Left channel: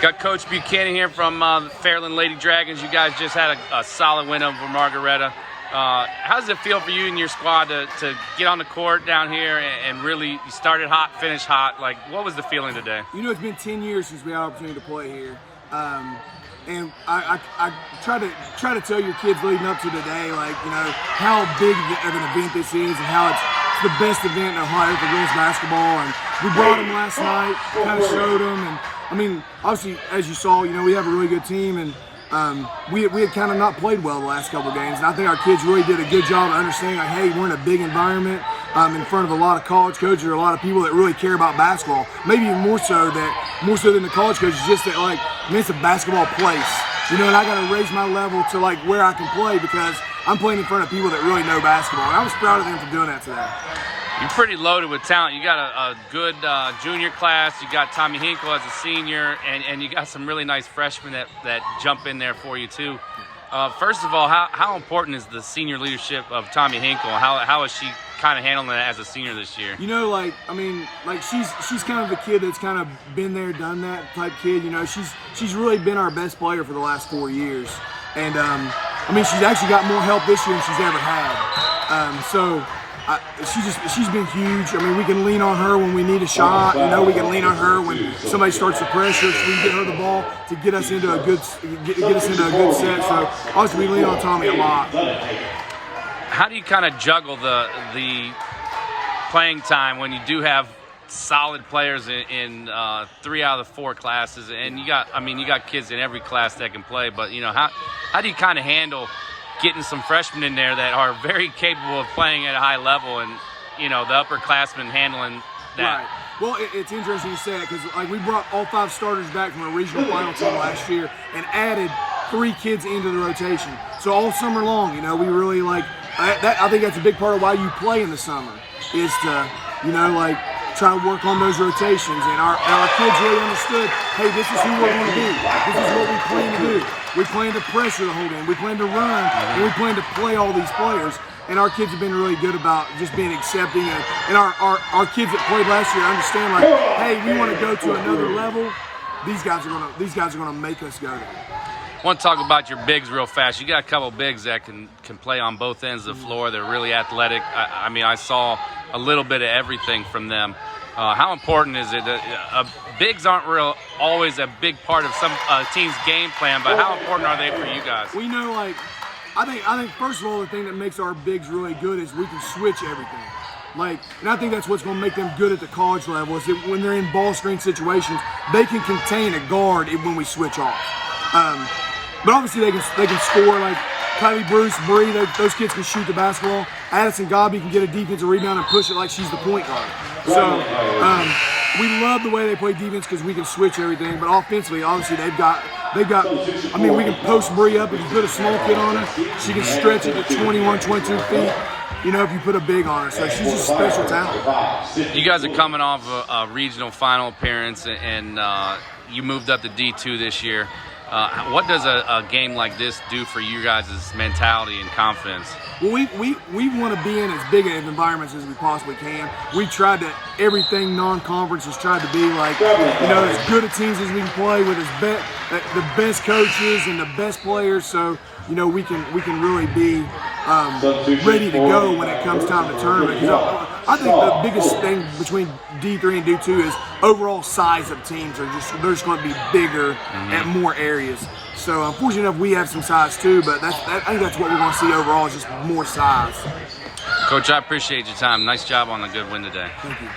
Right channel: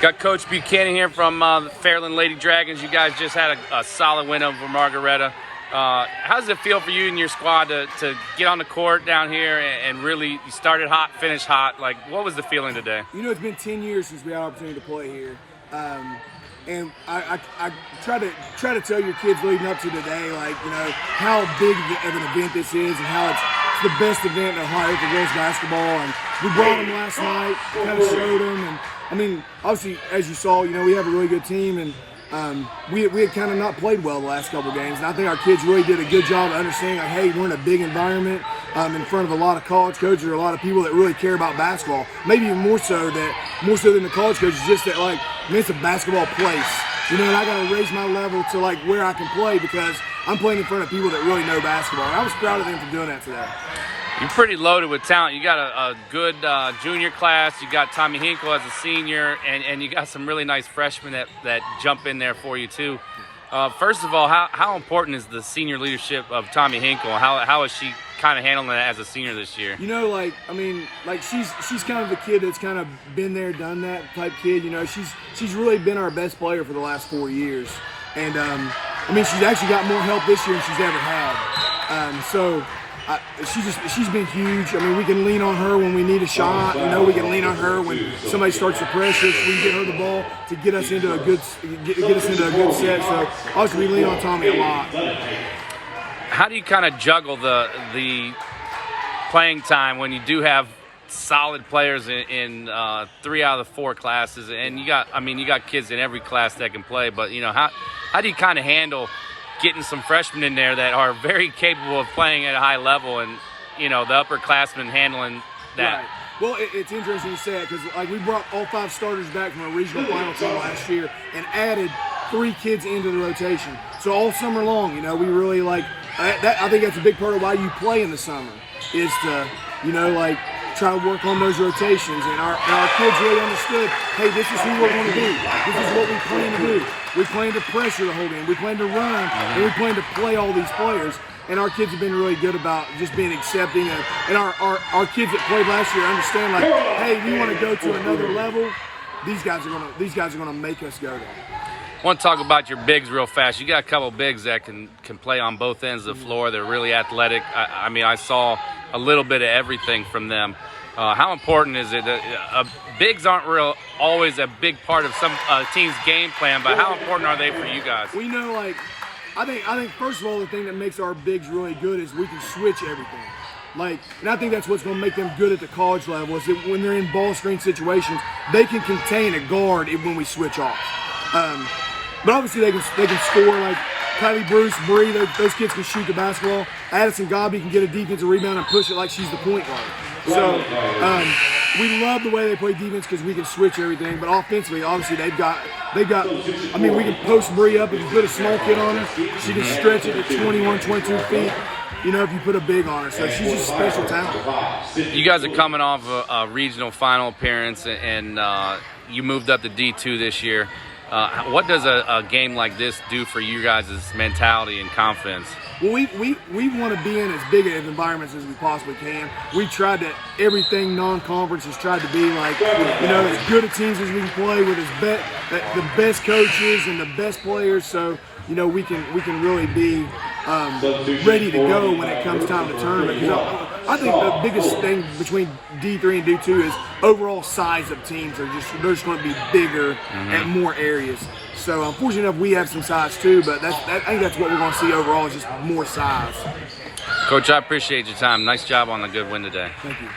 Got Coach Buchanan here from the Fairland Lady Dragons. You guys just had a solid win over Margaretta. How does it feel for you and your squad to get on the court down here and really you started hot, finished hot? Like, what was the feeling today? You know, it's been 10 years since we had an opportunity to play here. And I try to tell your kids leading up to today, like, you know, how big of an event this is and how it's the best event in Ohio for girls basketball. And we brought them last night, kind of showed them. And I mean, obviously, as you saw, you know, we have a really good team, and we had kind of not played well the last couple games. And I think our kids really did a good job of understanding, like, hey, we're in a big environment in front of a lot of college coaches or a lot of people that really care about basketball. Maybe even more so than the college coaches, just that, like, I mean, it's a basketball place. You know, and I got to raise my level to, like, where I can play because I'm playing in front of people that really know basketball. And I was proud of them for doing that today. You're pretty loaded with talent. You got a good junior class. You got Tommy Hinkle as a senior, and you got some really nice freshmen that jump in there for you too. First of all, how important is the senior leadership of Tommy Hinkle? How is she kind of handling it as a senior this year? You know, like, I mean, like she's kind of the kid that's kind of been there, done that type kid. You know, she's really been our best player for the last 4 years, and I mean, she's actually got more help this year than she's ever had. She's been huge. I mean, we can lean on her when we need a shot. You know, we can lean on her when somebody starts the pressure. So we can get her the ball to get us into a good set. So obviously, we lean on Tommy a lot. How do you kind of juggle the playing time when you do have solid players in 3 out of the 4 classes, and you got kids in every class that can play, but you know, how do you kind of handle getting some freshmen in there that are very capable of playing at a high level, and you know, the upperclassmen handling that? Right. Well, it's interesting you say that because, like, we brought all 5 starters back from a regional final team last year and added 3 kids into the rotation. So all summer long, you know, we really like that. I think that's a big part of why you play in the summer is to, you know, like, try to work on those rotations. And our kids really understood, hey, this is who we're going to be. This is what we plan to do. We plan to pressure the whole game. We plan to run, and we plan to play all these players. And our kids have been really good about just being accepting. And our kids that played last year understand, like, hey, we want to go to another level. These guys are gonna make us go there. I want to talk about your bigs real fast. You got a couple bigs that can play on both ends of the floor. They're really athletic. I mean, I saw a little bit of everything from them. How important is it? Bigs aren't always a big part of some team's game plan, but how important are they for you guys? Well, you know, like, I think first of all, the thing that makes our bigs really good is we can switch everything. Like, and I think that's what's going to make them good at the college level is that when they're in ball screen situations, they can contain a guard when we switch off. But obviously they can score. Like Kylie Bruce, Bree, those kids can shoot the basketball. Addison Gabi can get a defensive rebound and push it like she's the point guard. So we love the way they play defense because we can switch everything. But offensively, obviously they've got. I mean, we can post Bree up if you put a small kid on her. She can stretch it to 21, 22 feet. You know, if you put a big on her. So she's just a special talent. You guys are coming off a regional final appearance, and you moved up to D2 this year. What does a game like this do for you guys' mentality and confidence? Well, we want to be in as big of environments as we possibly can. We tried to, everything non-conference has tried to be like, you know, as good a teams as we can play with the best coaches and the best players. So, you know, we can really be ready to go when it comes time to tournament. Because I think the biggest thing between D3 and D2 is overall size of teams they're just going to be bigger at more areas. So unfortunately enough, we have some size too, but I think that's what we're going to see overall is just more size. Coach, I appreciate your time. Nice job on a good win today. Thank you.